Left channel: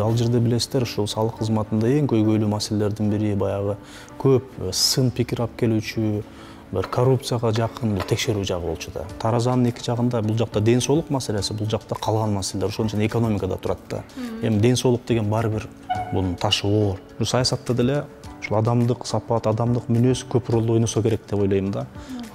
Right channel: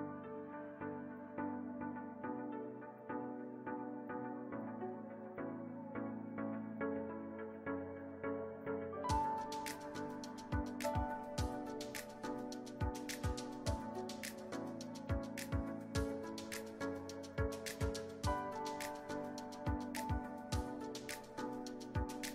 эле ал жерде билесиздер, ушул салык кызматында эң көйгөйлүү маселелердин бири баягы көп сын пикир алып келүүчү, bir korrupsiyага жакын бир текшерүү жагы болчу да. Таразанын эки жагында бул жакта ден соолук маселеси, бул жакта калган маселелер ошон үчүн экономикада турат да. Эми ден соолук деген баары бир бунун ташы оор. Саясатта деле ушул адамдык сапат, адамдык мүнөз көп ролду ойносо керек деп ойлойм да.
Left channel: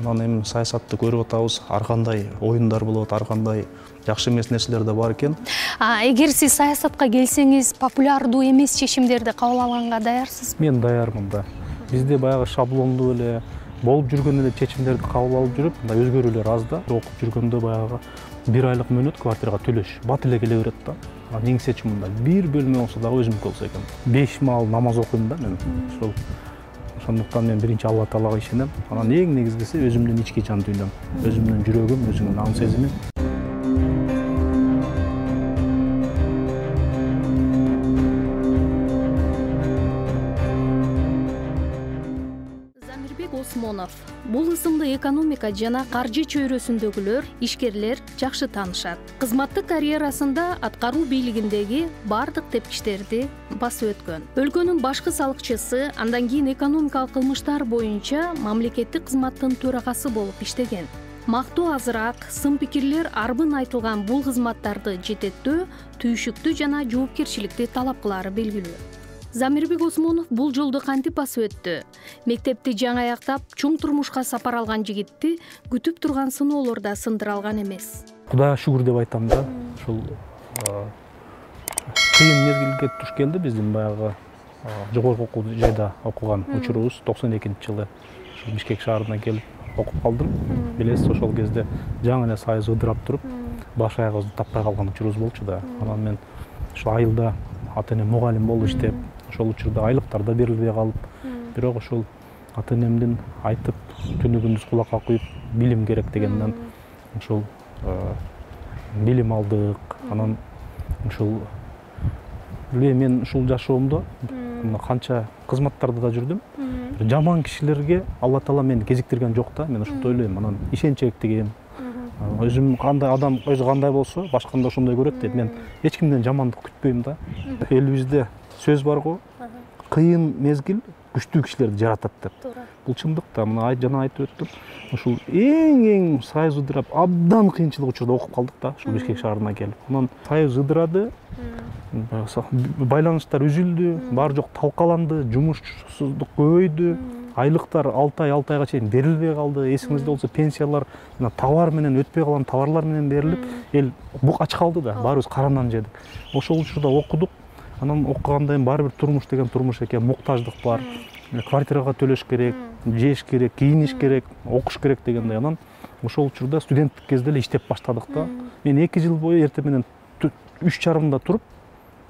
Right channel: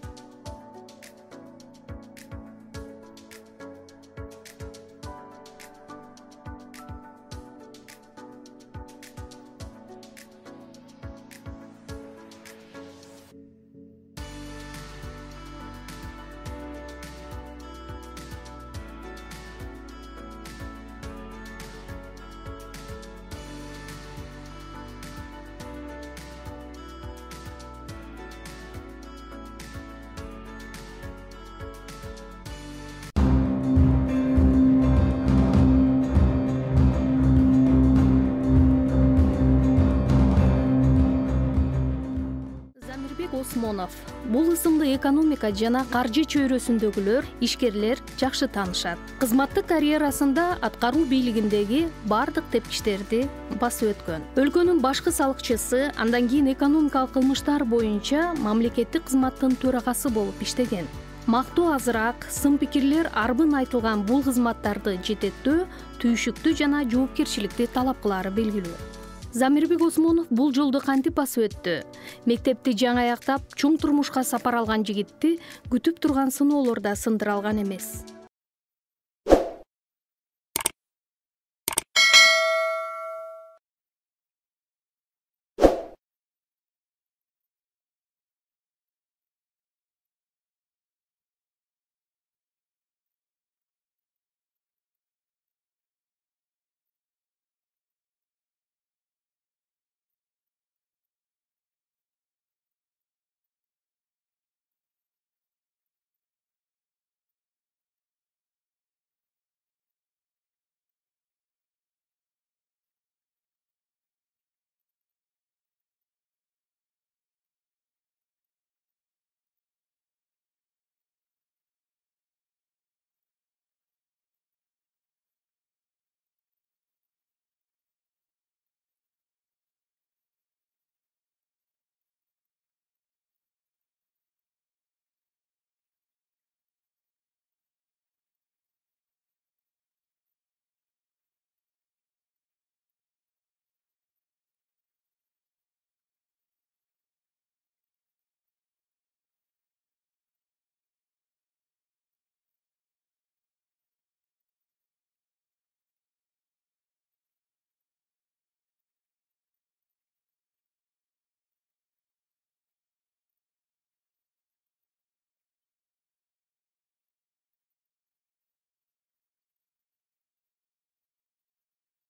Анан эми саясатты көрүп атабыз, ар кандай оюндар болот, ар кандай жакшы эмес нерселер да бар экен. Эгер сиз саясатка келсеңиз, популярдуу эмес чечимдерди кабыл алганга даярсызбы? Мен даярмын да. Бизде баягы шаблондуу эле болуп жүргөн эле чечимдерди кабыл алып жүрүп, өзгөрүүлөр аз да. Окуп жүргөндө баягы 1 айлык мөөнөт квартирага төлөш бат эле келе берет да. Эң чечим мындай, бир бөлмө болсо дагы өзүмдүк болсо экен. 5 маал намаз окуйм да мен. Ошондуктан мен биринчи Алла Таалага ишенем. Анан эң негизгиси өзүмдүн ички жан дүйнөм, өзүмдүн жүрөгүм, өзүмдүн ан сезимим. Осмонов. Бул ысымды экономика жана каржы чөйрөсүндөгүлөр, ишкерлер жакшы таанышат. Кызматтык карьерасында аткаруу бийлигиндеги бардык тепкичтерди басып өткөн. Өлкөнүн башкы салыкчысы, андан кийин экономикалык кылмыштар боюнча мамлекеттик кызматтын төрагасы болуп иштеген. Мактоо азыраак, сын пикирлер арбын айтылган бул кызматтарды жететтөө, түйшүктүү жана жоопкерчиликти талап кылары белгилүү. Замирбек Осмонов бул жолду кантип басып өттү? Мектепти жаңы аяктап, чоң турмушка сапар алган жигитти күтүп турган сыноолор да сындыра алган эмес. Кудайга шүгүр деп айтам да. Ушул кыйын мезгилге туш келди биздин баягы жогорку окуу жайда окуган учурубуз 92-жылы Бишкек шаарына келип окуп калдым. Билесиз, ошол кезде жаңы эле сайыз ыдырап туруп, баш аягыбызды таппай калган учурубуз болчу да. Анан мен ушул айылда ата-энем мугалим болуп иштеп, ошол учурда айлыктар да берилбей калып, бирок ошол ата-энемдин айтып, түнү күндүз кулакка куюп билим керек дегенден ошол билим алдык. Анан ушул мен ушул жашоомдо канча кызматтарда да жүрдүм. Жаман кишилерге Алла Таала мени кезиктирген жок да, мен ушунтип ойлойм. Анан ишенчектигим, өзүм кандай адам өзү кандай болсо, башканы да ошондой көрөт деп мен эч кимден жамандык күтпөйм да. Элибизде сөз бар го, кыйын мезгил күчтүү кишилерди жаратат деп. Бул чындык да, мына жана айтып өттүм. Ушул эң сайыз ыдырап, абдан кыйынчылык учурда окуп калдык да, ушул Бишкек шаарына келип. Анан сайыз ыдырады, байланыштар үзүлдү, баары жок талкаланды, жумушсуздук көбөйдү. Айлыктар 6 айга чейин берилбей калды. Эсиңизде болсо пенсиялар товар менен өтпөй калган товарлар менен берилип, эл бук ач калды да, баарыбыз карандан жедик. Ошол учурда окудук. Анан окугандан кийин баары бир турмуш деген турмуш экен, муктаждык бар. Квартирага төлөш керек, жеш керек, кийиниш керек, окуш керек дегендей. Анан ошол учурда студенттик кезде эле иштеп баштадык да. Мен 2 жыл бою эртең менен 3:30да туруп,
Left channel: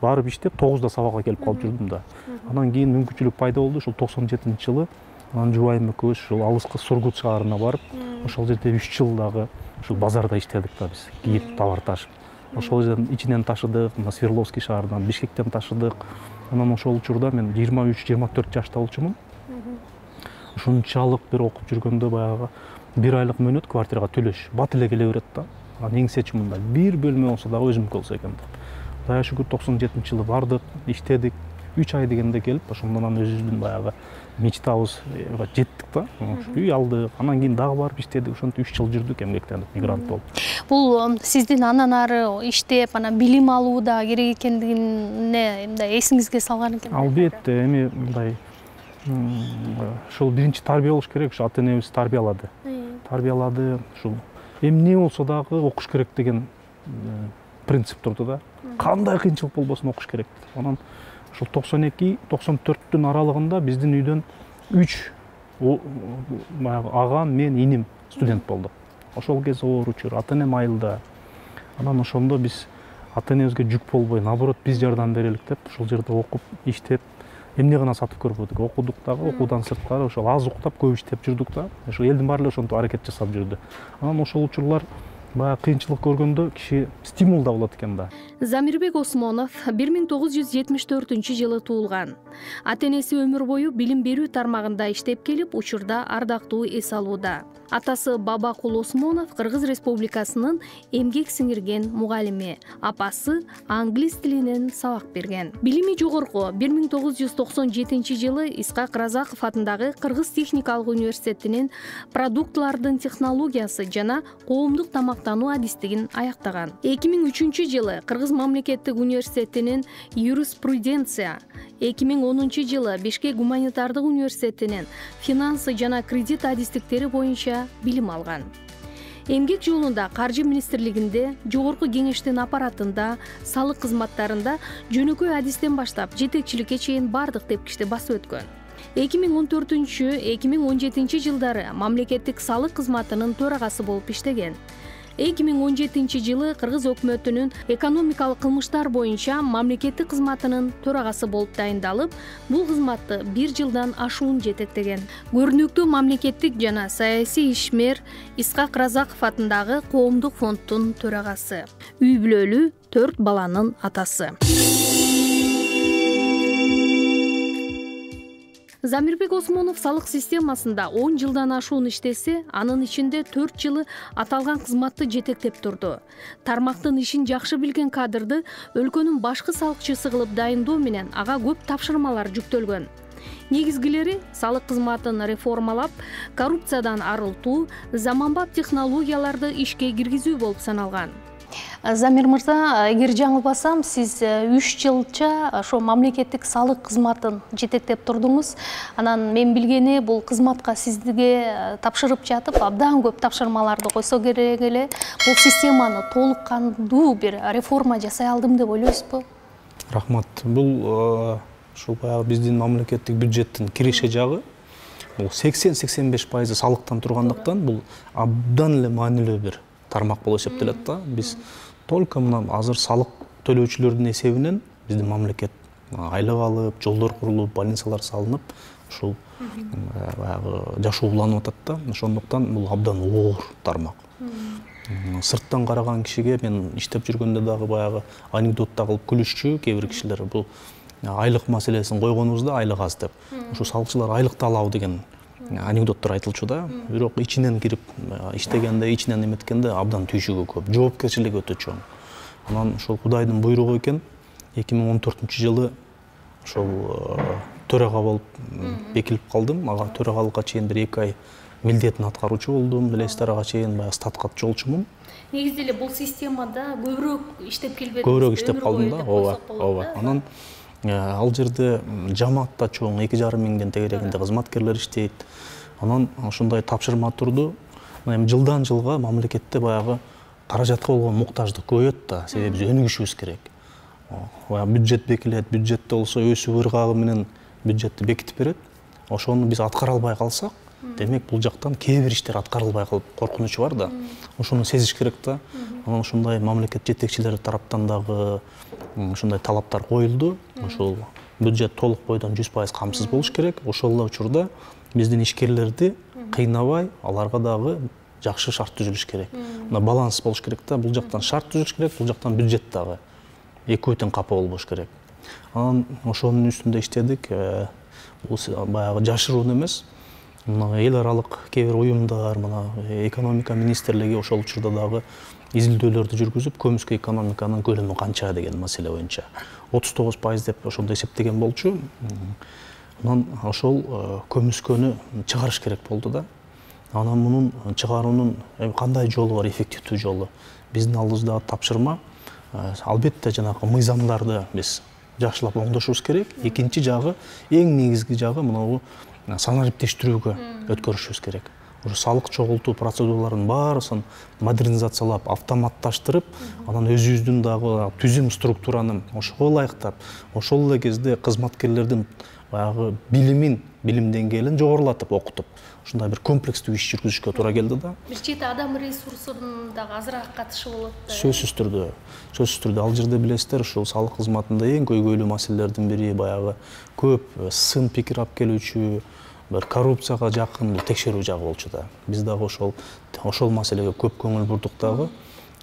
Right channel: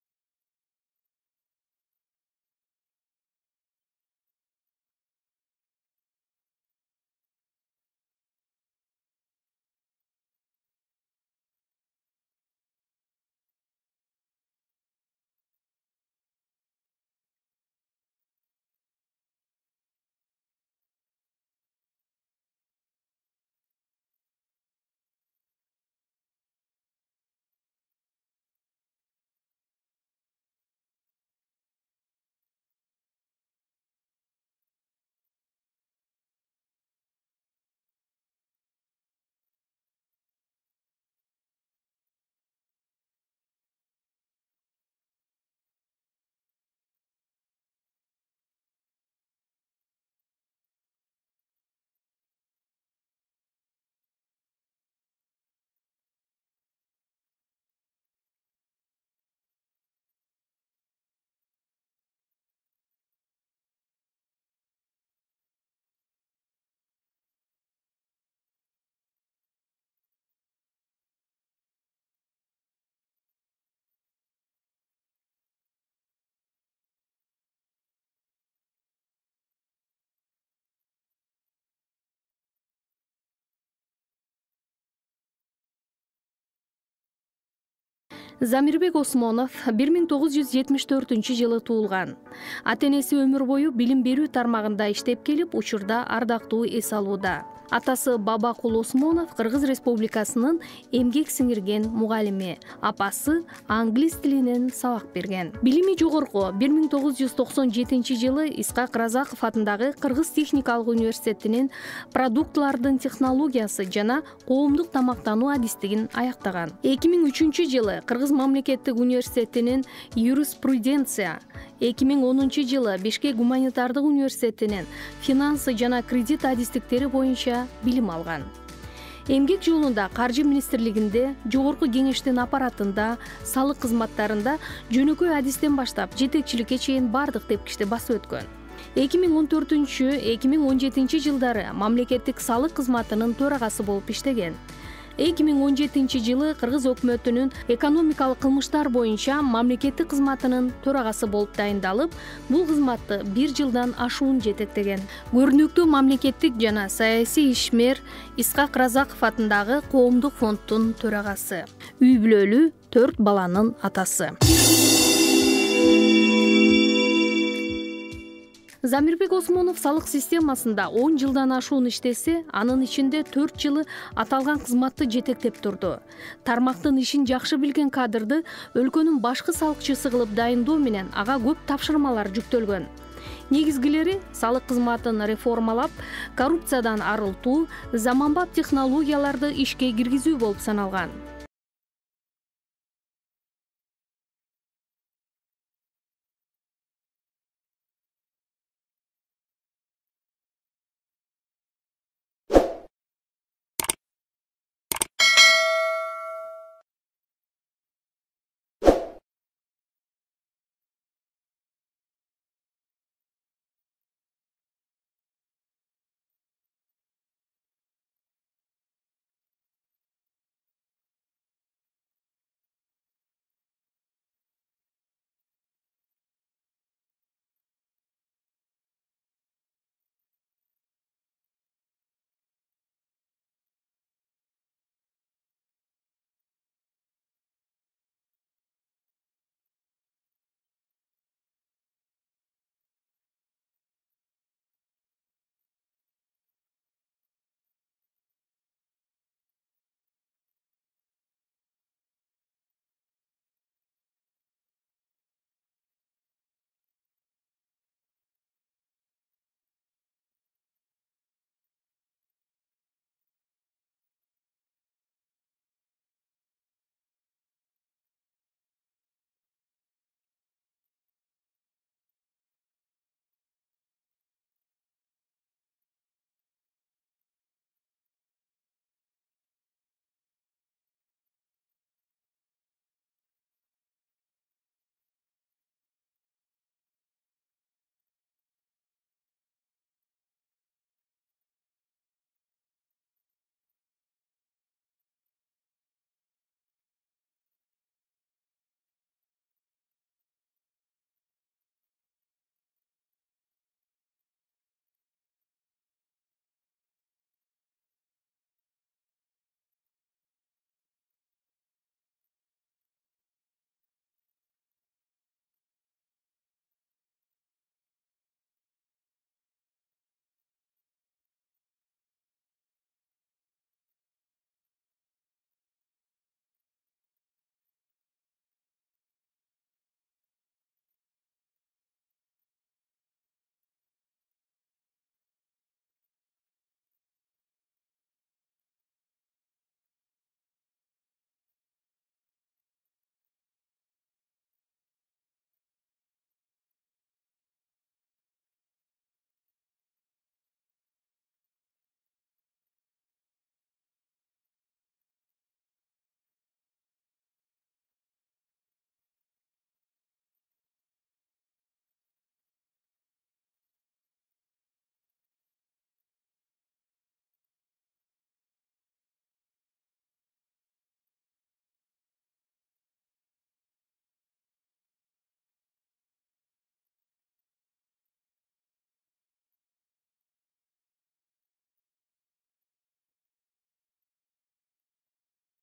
барып иштеп 9да сабакка келип калып жүрдүм да. Анан кийин мүмкүнчүлүк пайда болду, ушул 97-жылы анан жубайым экөөбүз ушул алыскы Сургут шаарына барып, ошол жерде 3 жыл дагы ушул базарда иштедик да биз, кийип товар ташып. Ошол жерден ичинен ташыдык, Свердловский шаарынан, Бишкектен ташыдык. Анан ошол учурда мен 23-24 жашта болчумун. Ушунчалык бир окуп жүргөндө баягы 1 айлык мөөнөт квартирага төлөш бат эле келе берет да. Анан эң чечим мындай, бир бөлмө болсо дагы өзүмдүк болсо экен деп. Кудайга шүгүр 97-жылы бардык, иштедик. 3 ай дегенде келип, ошондон өзүбүздүн баягы мечтабызга жеттик да. Үй алдык, анан кийин дагы барып иштедик. Ошентип 3 жыл жүрдүк эмгектенип, мигрант болуп. Бул сиздин андан ары иштеп, анан билим алууда керек экендигине мындай эсиңизге салган экен. Албетте, эми мындай ушул биринчи тарбия болуш керек, ушу ата-энебиз тарбиялады. Тарбиялады, ушул эмне болсо дагы окуш керек деген принцип турду да. Кандай кыйынчылык болбосун окуш керек. Анан ушул 92-94-түн аралыгында биздин үйдөн 3 агам, мен, иним студент болдук. Ошол кез оор учур, ата-энем айылда. Анан ошондо биз ата-энебизге жүк болбой, наоборот, биз жардам берелик деп, ошол жерде окуп, иштеп, эмне гана сатып көрбөдүк. Окудук дагы, окуудан сырткары ошол аз уктап, көп иштеп жүрдүк да. Ошол элдин баары эле ошентип аракет жасап жүрдү. Анан ошол учурлар баягы кыйынчылык көргөндө киши стимул да болот экен да. Замирбек Осмонов 1974-жылы туулган. Ата-энеси өмүр бою билим берүү тармагында иштеп келип, учурда ардактуу эс алууда. Атасы Бабакул Осмонов Кыргыз Республикасынын эмгек сиңирген мугалими, апасы англис тилинен сабак берген. Билими жогорку 1997-жылы Исхак Разаков атындагы Кыргыз техникалык университетинин продуктлардын технологиясы жана коомдук тамактануу адистигин аяктаган. 2003-жылы Кыргыз мамлекеттик университетинин юриспруденция, 2010-жылы Бишкек гуманитардык университетинин финансы жана кредит адистиктери боюнча билим алган. Эмгек жолунда Каржы министрлигинде, жогорку кеңештин аппаратында, салык кызматтарында жөнөкөй адистен баштап жетекчиликке чейин бардык тепкичти басып өткөн. 2014-2017 жылдары мамлекеттик салык кызматынын төрагасы болуп иштеген. 2017-жылы Кыргыз өкмөтүнүн экономикалык кылмыштар боюнча мамлекеттик кызматынын төрагасы болуп дайындалып, бул кызматты 1 жылдан ашуун жетектеген. Көрүнүктүү мамлекеттик жана саясий ишмер Исхак Разаков атындагы коомдук фонддун төрагасы. Үй бүлөлүү 4 баланын атасы. Замирбек Осмонов салык системасында 10 жылдан ашуун иштесе, анын ичинде 4 жылы аталган кызматты жетектеп турду. Тармактын ишин жакшы билген кадрды өлкөнүн башкы салыкчысы кылып дайындоо менен ага көп тапшырмалар жүктөлгөн. Негизгилери салык кызматын реформалап, коррупциядан арылтуу, заманбап технологияларды ишке киргизүү болуп саналган. Замир мырза, эгер жаңылбасам, сиз 3 жылча ошо мамлекеттик салык кызматын жетектеп турдуңуз. Анан мен билгени бул кызматка сизге тапшырып жатып, абдан көп тапшырмаларды койсо керек эле. Бул системаны толук кандуу бир реформа жасай алдым деп ойлойсузбу? Рахмат. Бул ушул баягы биздин мамлекеттик бюджеттин киреше жагы бул 80-85% салыктан тургандыктан бул абдан эле маанилүү бир тармак болуп эсептелет да. Биз только мына азыр салык төлөөчүлөрдүн эсебинен биздин мамлекет айлык алып, жолдор курулуп, больницалар салынып, ушул баягы жашоо уланып атат да. Ошондуктан бул абдан оор тармак. Сырттан караган кишиге мен иштеп жүргөндө дагы баягы анекдотта кылып күлүшчү кээ бир кишилер бул айлык маселесин койгонубузда айлык аз деп. Ушул салыкчылар айлыкты алабы деген анекдоттор айтылчу да. Бирок ичинен кирип иштегенде, ичинен эметкенде абдан түйшүгү көп, жоопкерчилиги өтө чоң. Анан ошол Кудайдын буйругу экен, 2014-жылы ошол төрага болуп бекилип калдым. Ага төрагалыкка чейин бир 2 ай милдетин аткаруучу болдум. Билесиздер, ага чейин баягы статкатчы болчумун. Негизинде эле бул системада көбүрөөк иштеп келбедиңиз? Көбүрөөк иштеп калдым да. Ооба. Анан ал жерде жамаат да чоң, 2,5 миңден тегерегинде кызматкерлер иштейт. Анан ушундай тапшырма турду. Эми жылдан жылга мамлекетте баягы каражатка болгон муктаждык көбөйөт да, себеби биз өнүгүшүбүз керек. Бюджет бекилет, бюджетте болсо өсүү ыргагы менен бюджетти бекитип берет. Ошону биз аткара албай калсак, демек бул жактан кээ бир иштер аткарылбай калып коркунучу бар да. Ошону сезиш керек да. Анан ушундай мамлекет жетекчилери тараптан дагы ушундай талаптар коюлду. Ошол бюджет толук бойдон 100% камсыз болуш керек. Ошол эле учурда биздин ишкерлерди кыйнабай, аларга дагы жакшы шарт түзүлүш керек. Мына баланс болуш керек да. Бул жактан шарт түзүлүш керек, бул жактан бюджет дагы экөө тең капа болбош керек. Анан ошонун үстүндө иштедик. Бул баягы жашыруун эмес. Мына эл аралык кээ бир уюмдар, мына экономика министрлиги ошол учурда дагы изилдөөлөрдү жүргүзүп, көмүскө экономиканын көлөмү канча деген маселе боюнча 39% деп ошондо эсептеген болчу. Анан ошол көмүскөнү чыгарыш керек болду да. Анан мунун чыгаруунун кандай жолу бар, эффективдүү жолу? Биздин алдыбызда тапшырма. Албетте жанагы мыйзамдарды биз жакшылап оңдошубуз керек. Экинчи жагы, эң негизги жагы мына санариптештирүүгө өткөрүшүбүз керек. Ошо салык чогултуу процедураларынын баарысын модернизациялап, автоматташтырып, анан өзүбүздүн дагы түзүм структураны ошого ылайыктап, ошол эле кезде кызматкерлердин баягы билим деңгээлин жогорулатып окутуп, ушундай бир комплекстүү иш жүргүзүшкө туура келди да. Бир чети адам ресурсунун дагы азыраак катышы болот да. Сөзсүз түрдө ал жерде билесиздер, ушул салык кызматында эң көйгөйлүү маселелердин бири баягы көп сын пикир алып келүүчү, бир коррупцияга жакын текшерүү жагы болчу да. Биз дагы ошол маселеге көп көңүл бурдук дагы.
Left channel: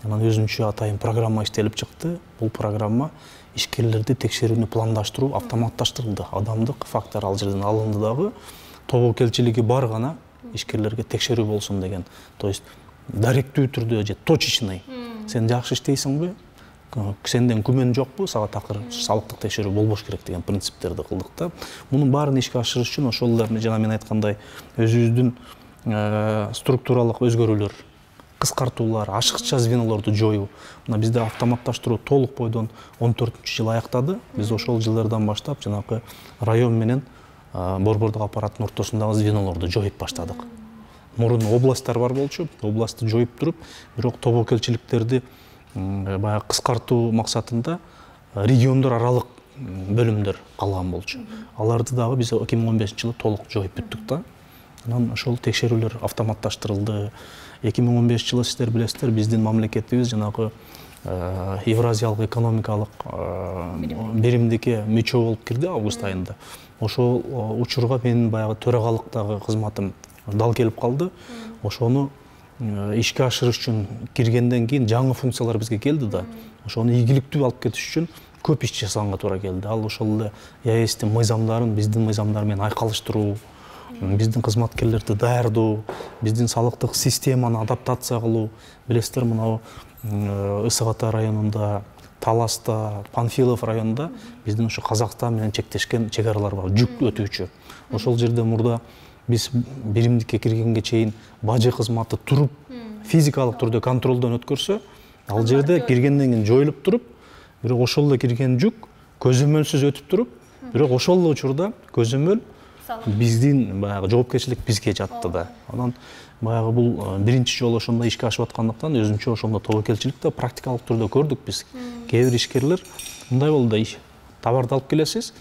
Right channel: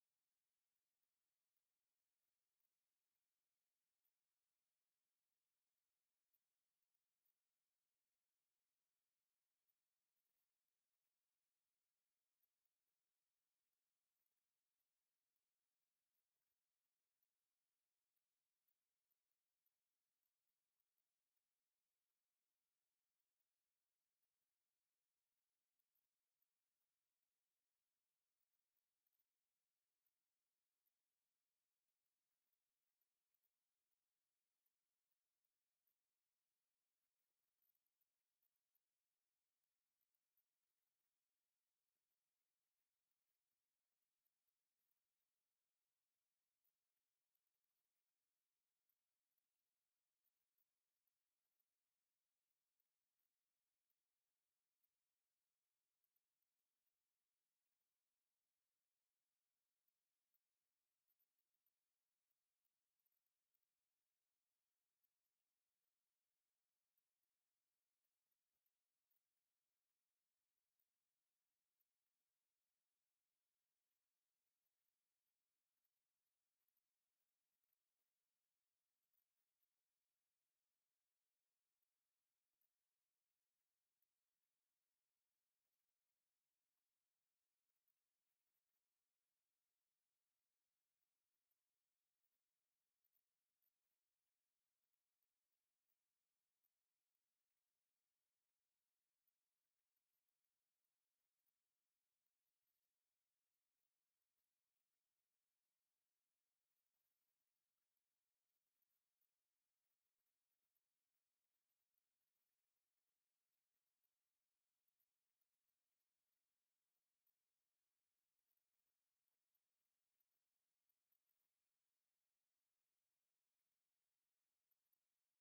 Анан өзүнчө атайын программа иштелип чыкты. Бул программа ишкерлерди текшерүүнү пландаштыруу автоматташтырылды. Адамдык фактор ал жерден алынды дагы. Тобокелчилиги бар гана ишкерлерге текшерүү болсун деген. То есть даректүү түрдө же точечный. Сен жакшы иштейсиңби? Сенден күмөн жокпу? Сага такыр салыктык текшерүү болбош керек деген принциптерди кылдык да. Мунун баарын ишке ашырыш үчүн ошолорду жана мен айткандай өзүбүздүн структуралык өзгөрүүлөр, кыскартуулар, ашыкча звенолорду жоюу. Мына бизде автоматташтыруу толук бойдон 14-жыл аяктады. Биз ошол жылдардан баштап жанакы район менен борбордук аппараттын ортосундагы звенолорду жоюп баштадык. Мурун областтар бар болчу, областты жоюп туруп, бирок тобокелчиликтерди баягы кыскартуу максатында региондор аралык бөлүмдөр калган болчу. Аларды дагы биз 2015-жылы толук жоюп бүттүк да. Анан ошол текшерүүлөр автоматташтырылды. 2015-жылы сиздер билесиздер, биздин мамлекетибиз жанагы Евразиялык экономикалык биримдикке мүчө болуп кирди август айында. Ошол учурга менин баягы төрагалыктагы кызматым дал келип калды. Ошону ишке ашырыш үчүн киргенден кийин жаңы функциялар бизге келди да. Ошону ийгиликтүү алып кетиш үчүн көп иш жасаганга туура келди. Ал ошол эле ЕАЭСтин мыйзамдарын биздин мыйзамдар менен айкалыштыруу, биздин кызматкерлерди даярдоо, биздин салыктык системаны адаптация кылуу. Билесиздер, мына Ысык Ата районунда, Таласта, Панфилов районунда биздин ушу Казакстан менен чектешкен чек аралар бар, жүк өтүүчү. Ошол жерде мурда биз биримдикке киргенге чейин бажы кызматы туруп, физикалык түрдө контролдон өткөрсө, ал жерде киргенден кийин жоюлуп туруп, бирок ошол эле кирген жүк көзөмөлсүз өтүп туруп, бирок ошол эле учурда көзөмөл биздин баягы жоопкерчилик бизге жатты да. Анан баягы бул биринчи жолу ошондой ишке ашып аткандыктан өзүнчө ошондо тобокелчиликте практикалык түрдө көрдүк биз. Кээ бир ишкерлер мындай болду да, товарды алып келесиз,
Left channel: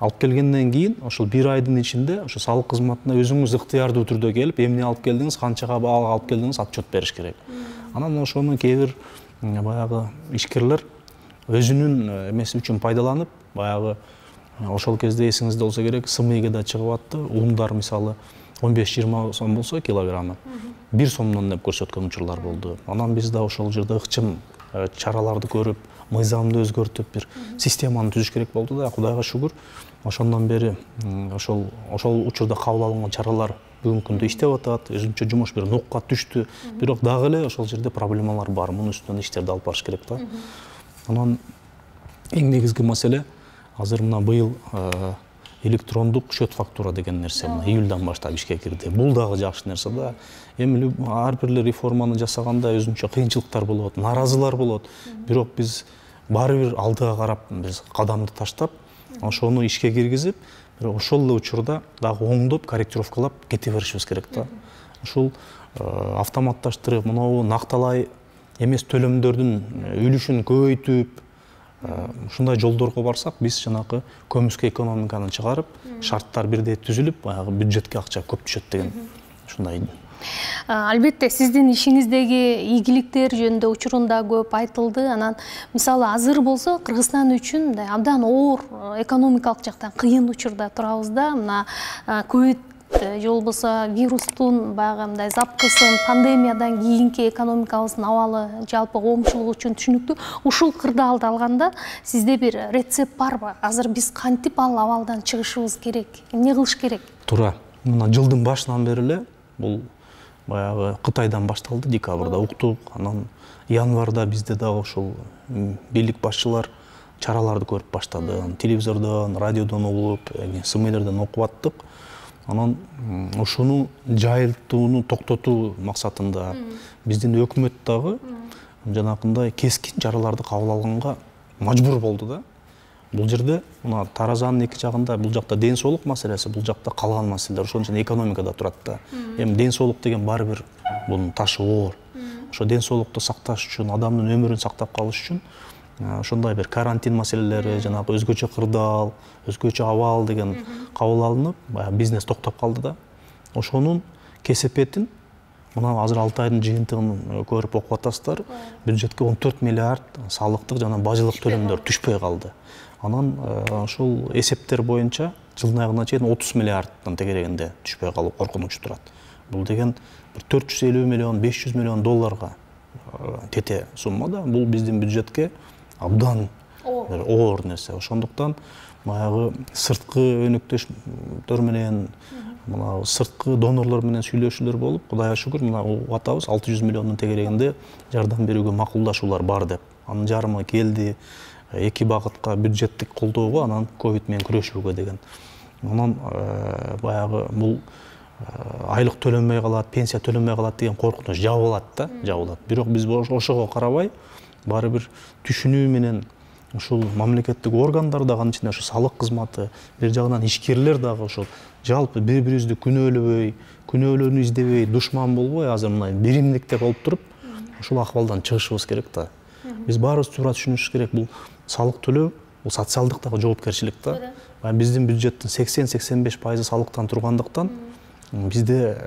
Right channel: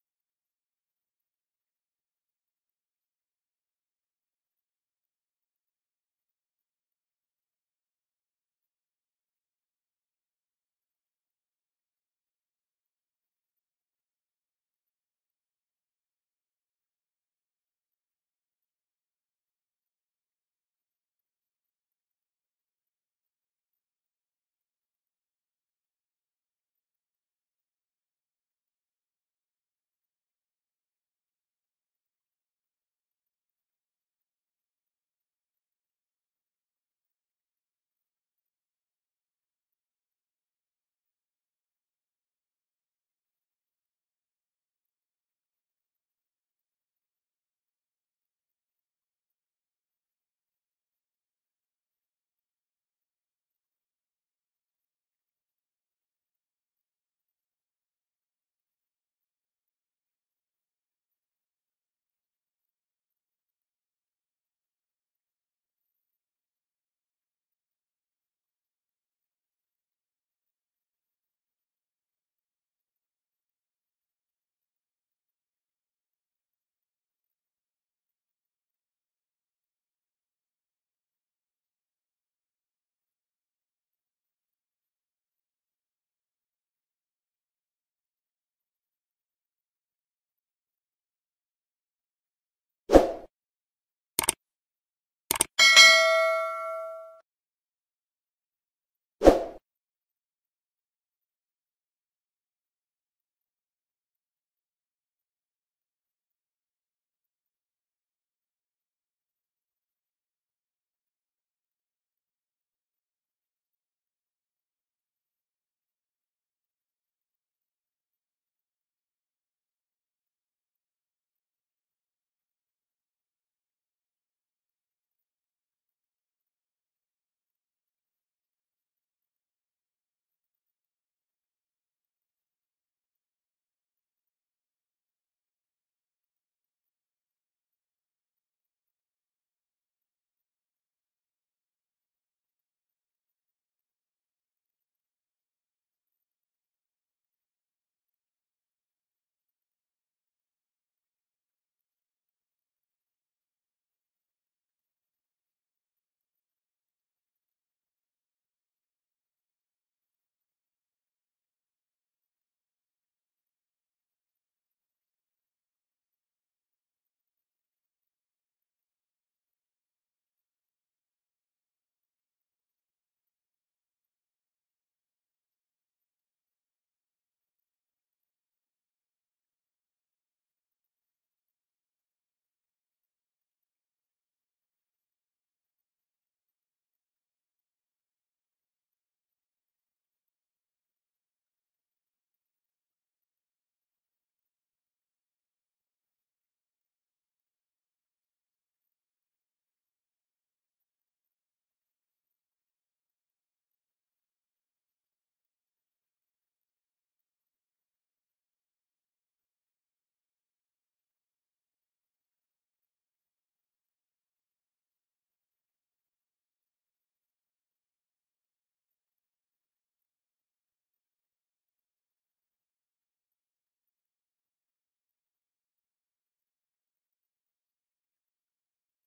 алып келгенден кийин ошол бир айдын ичинде ошо салык кызматына өзүңүз ыктыярдуу түрдө келип, эмне алып келдиңиз, канчага алып келдиңиз, отчет бериш керек. Анан ошону кээ бир баягы ишкерлер өзүнүн эмеси үчүн пайдаланып, баягы ошол кезде эсиңизде болсо керек, СМИге да чыгып атты. Ундар мисалы 15-20 сом болсо килограммы 1 сомдон деп көрсөткөн учурлар болду. Анан биз да ошол жерде ыкчым чараларды көрүп, мыйзамды өзгөртүп, бир системаны түзүш керек болду да. Кудайга шүгүр, ошондон бери ошол учурда кабыл алынган чаралар бүгүнкү күндө иштеп атат. Өзүнчө жумуш бир нукка түштү. Бирок дагы эле ошол жерде проблемалар бар. Мунун үстүнөн иштерди алып барыш керек да. Анан эң негизги маселе азыр мына быйыл электрондук счет фактура деген нерсе мына июльдан баштап ишке кирди. Бул дагы жакшы нерсе да. Эми ар бир реформаны жасаганда өзүнчө кыйынчылыктар болот, наразылар болот. Бирок биз баары бир алдыга карап биз кадамды таштап, ошону ишке киргизип, бирок ошол эле учурда дагы оңдоп, корректировкалап кете беришибиз керек да. Ушул автоматташтырып, мынау накталай эмес төлөмдөрдүн үлүшүн көбөйтүп, ушундай жолдорго барсак, биз жанакы көмүскө экономиканы чыгарып, шарттар бирдей түзүлүп, баягы бюджетке акча көп түшөт деген ушундай. Албетте, сиздин ишиңиздеги ийгиликтер жөнүндө учурунда көп айтылды. Анан мисалы азыр болсо Кыргызстан үчүн абдан оор экономикалык жактан кыйын учурда турабыз да. Мына ковид же болбосо вирустун баягы мындай запкысын, пандемиядан кийинки экономикабыздын абалы, жалпы коомчулук үчүн түшүнүктүү. Ушул кырдаалды алганда сизде бир рецепт барбы? Азыр биз кантип ал абалдан чыгышыбыз керек? Эмне кылыш керек? Туура. Мына жылдын башынан бери эле бул баягы Кытайдан башталды, декабрда уктук. Анан январда бизде дагы ушул бийлик башчылар чараларды көрүп баштады. Телевизордон, радиодон угуп, СМИлерден окуп аттык. Анан ошону жайылтууну токтотуу максатында биздин өкмөт дагы жанакындай кескин чараларды кабыл алганга мажбур болду да. Бул жерде мына таразанын эки жагында, бул жакта ден соолук маселеси, бул жакта калган маселелер, ошон үчүн экономикада турат да. Эми ден соолук деген баары бир бунун ташы оор. Ошо ден соолукту сакташ үчүн, адамдын өмүрүн сактап калыш үчүн ошондой бир карантин маселелери, жанагы өзгөчө кырдаал, өзгөчө абал деген кабыл алынып, баягы бизнес токтоп калды да. Ошонун кесепетин мына азыр 6 айдын жыйынтыгын көрүп окуп атасыздар. Бюджетке 14 миллиард салыктык жана бажылык төлөмдөр түшпөй калды. Анан ошол эсептер боюнча жылдын аягына чейин 30 миллиардтан тегерегинде түшпөй калуу коркунучу турат. Бул деген 450 миллион, 500 миллион долларга тете сумма да. Бул биздин бюджетке абдан оор нерсе. Ошондуктан баягы сырткы өнөктөштөр менен мына сырткы донорлор менен сүйлөшүүлөр болуп, Кудайга шүгүр, мына атабыз 600 миллиондун тегерегинде жардам берүүгө макулдашуулар бар деп. Анын жарымы келди, эки багытка бюджеттик колдоого, анан ковид менен күрөшүүгө деген. Анан баягы бул айлык төлөнбөй калат, пенсия төлөнбөй калат деген коркунуч жабылат да, жабылат. Бирок биз ошого карабай, баары бир түшүнүү менен ушул мамлекеттик органдар дагы, анын ичинде ушу салык кызматы, бир жагынан ишкерлер дагы ушул жалпы бири-бирибизди күнөөлөбөй, күнөөлөрүнү издебей, душман болбой, азыр мына биримдикте болуп туруп, ушул акыбалдан чыгышыбыз керек да. Биз баарыбыз туура түшүнүшүбүз керек, бул салык төлөө, бул социалдык дагы жоопкерчилик да. Биздин бюджеттин 80-85% салыктан тургандыктан, бизде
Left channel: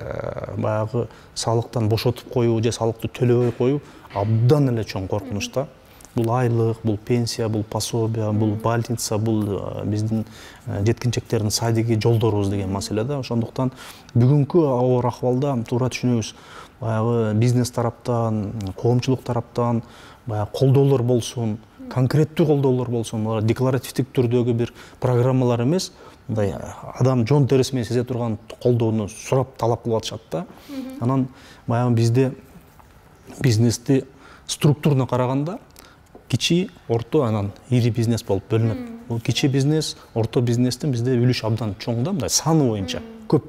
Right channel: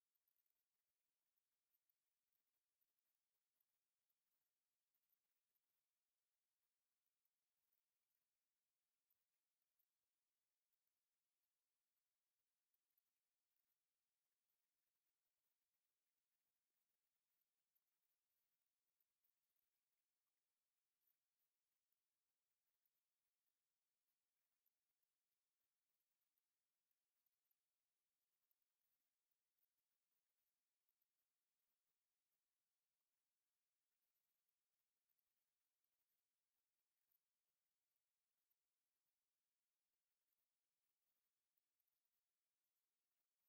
баягы салыктан бошотуп коюу же салыкты төлөбөй коюу абдан эле чоң коркунуч да. Бул айлык, бул пенсия, бул пособия, бул больница, бул биздин жеткинчектердин садиги, жолдорубуз деген маселе да. Ошондуктан бүгүнкү оор акыбалда туура түшүнөбүз. Баягы бизнес тараптан, коомчулук тараптан баягы колдоолор болсун, конкреттүү колдоолор болсун, декларативдик түрдөгү бир программалар эмес, мындай адам жон териси менен сезе турган колдоону сурап талап кылып атышат да. Анан баягы бизде бизнести структурна караганда кичи, орто, анан ири бизнес болуп бөлүнөт. Бул кичи бизнес, орто бизнестин бизде үлүш абдан чоң да, мындай саны боюнча көп.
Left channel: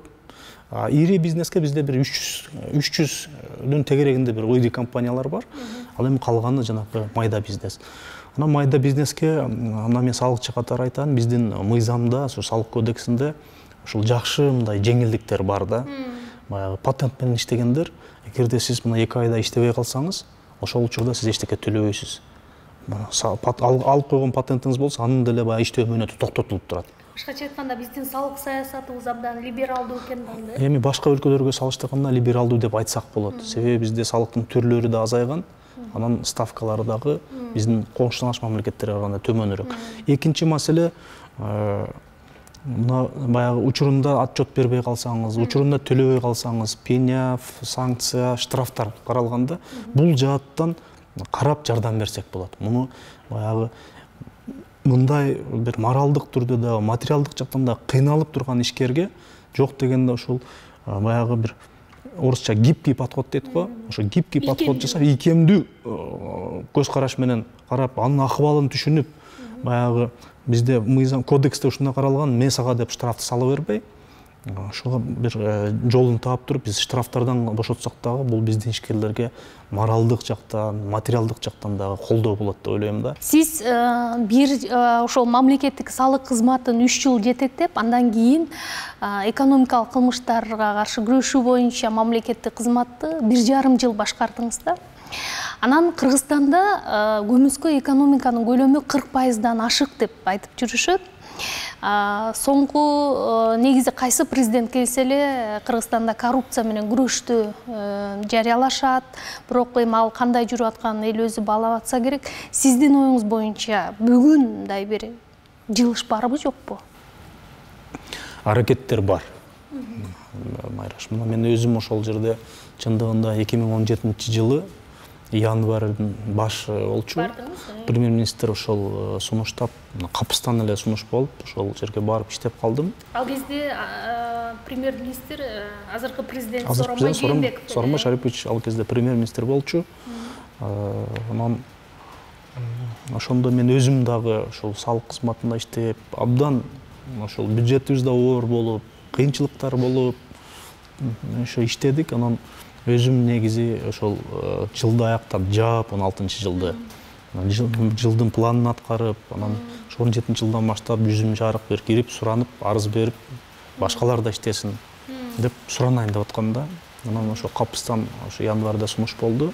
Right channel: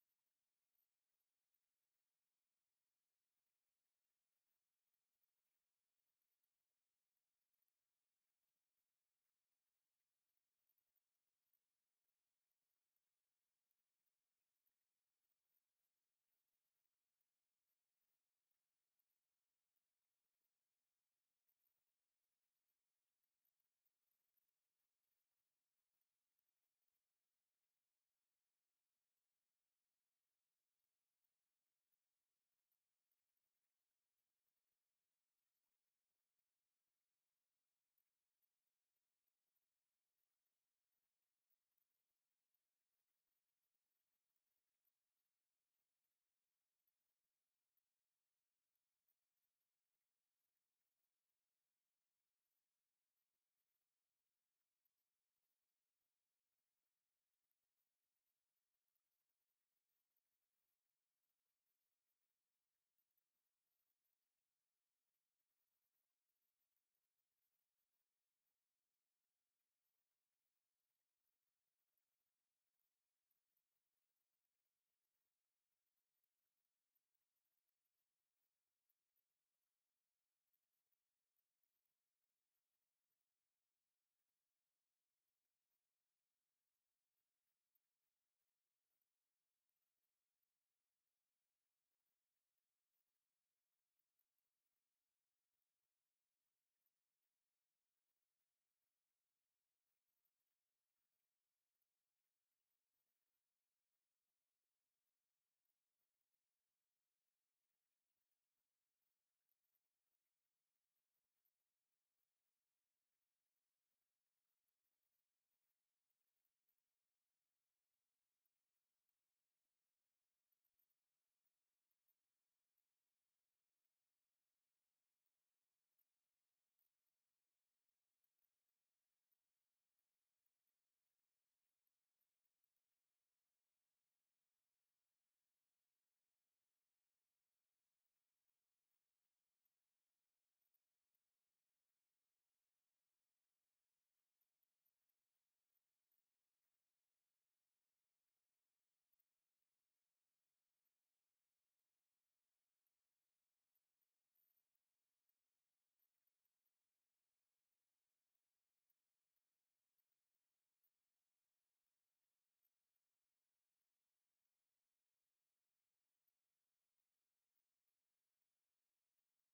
Ири бизнеске бизде бир 300-дүн тегерегинде бир ири компаниялар бар. Ал эми калганы жанагы майда бизнес. Анан майда бизнеске, ана мен салыкчы катары айтайын, биздин мыйзамда, ошо салык кодексинде ушул жакшы мындай жеңилдиктер бар да. Баягы патент менен иштегендер, эгерде сиз мына 2 айда иштебей калсаңыз, ошол учурда сиз эчтеке төлөбөйсүз. Алып койгон патентиңиз болсо, анын деле баягы иштөө мөөнөтү токтотулуп турат. Башкача айтканда биздин салык саясатыбыз абдан либералдуу экен да. Эми башка өлкөлөргө салыштырганда либералдуу деп айтсак болот. Себеби бизде салыктын түрлөрү да азайган, анан ставкалары дагы биздин коңшулаш мамлекеттерге караганда төмөнүрөөк. Экинчи маселе, мына баягы учурунда отчет бербей калсаңыз, учурунда төлөбөй калсаңыз, пеня, санкция, штрафтар каралганда, бул жааттан карап жардам берсек болот. Муну баягы мындай бир моралдык түрдө да, материалдык жактан да кыйналып турган ишкерге жок дегенде ушул баягы бир орусча гибкий подход дейт го. Ошо гибкий подход жасап, ийкемдүү көз караш менен карап, анын акыбалын түшүнүп, баягы бизде мыйзам кодексте ушундай каралган, мен сага деп штрафты сала бербей, ошого бир жолун таап туруп, биз штрафтардан бошотсак дагы, бул биздин ишкерлерге моралдык жактан, материалдык жактан дагы колдоо болот деп ойлойм да. Сиз бир ошол мамлекеттик салык кызматын 3 жыл жетектеп, андан кийин экономикалык кылмыштарга каршы күрөшүү боюнча мамлекеттик кызматты 1,5 жыл башкардыңыз да. Анан Кыргызстанда көмүскө экономиканын көлөмү 40%дан ашык деп айтып жүрүшөт. Соңку негизи кайсы президент келсе эле Кыргызстанда коррупция менен күрөштү жарыялашат, бирок эми ал кандай жүрүп атканын эл өзү баалап атса керек. Сиздин оюңуз боюнча бүгүн мындай бир жылыш барбы жокпу? Аракеттер бар. Майраш, мына мен өзүм ошол жерде чындыгында 2017 жылы январьдын башы болчу. Премьер-министр ошол сунуштап, капыстан эле сунуш болуп, ошол жерге барып иштеп калдым. Ал кезде премьер-министр азыркы президент Сооронбай Жээнбеков. Сооронбай Шарипович ал кезде премьер-министр болчу. Анан ошондо мен өзүм дагы ошол салык кызматында иштеп, абдан ошол бюджетибиз да оор болуп, кыйынчылыктар болуп, ошо иштедик. Анан өзүм негизи ошол жылды аяктап жаап, 16-жылды жылдын планын аткарып, анан 17-жылдан баштап жүзүм жарык бир кирип, суранып, арыз берип, башкалар да иштесин деп суранайын деп атканда, анан ошо капыстан ошо январда сунуш болду.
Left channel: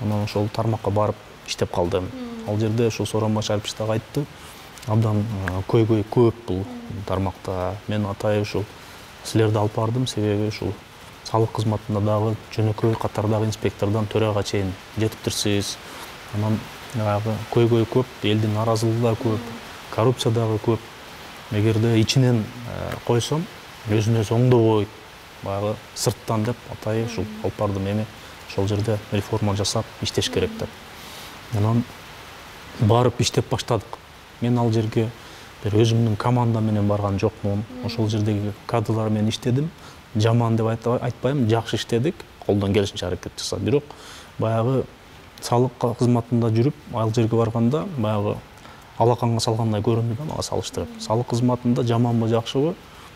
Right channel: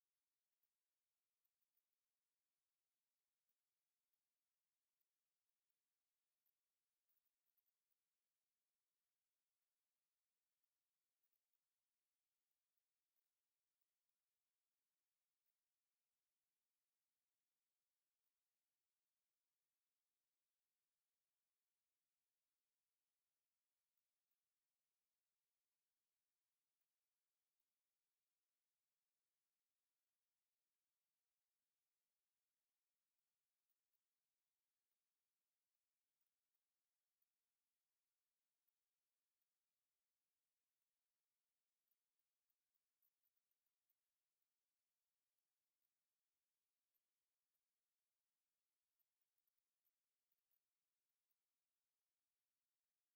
Анан ошол тармакка барып иштеп калдым. Ал жерде ошол Сооронбай Шарипович дагы айтты, абдан көйгөй көп бул тармакта. Мен атайын ушул силерди алып бардым, себеби ушул салык кызматында дагы жөнөкөй катардагы инспектордон төрага чейин жетиптирсиз. Анан көйгөй көп, элдин наразылыгы да көп, коррупция дагы көп. Эгерде ичинен койсом, өзүнө өзү оңдобойт, баягы сырттан деп атайын ушул алып бардым. Эми ошол жерде реформа жасап иштеш керек деп. Анан барып иштеп баштадык. Мен ал жерге бир өзүмдүн командам менен барган жокмун. Ошол жердеги кадрлар менен иштедим. Жаман деп айтпайм, жакшы иштедик. Колдон келишинче аракет жасап. Бирок баягы салык кызматында жүрүп, ал жерге барганда баягы алаканга салгандай көрүндү да мага салыштырып. Салык кызматында жаманбы, жакшыбы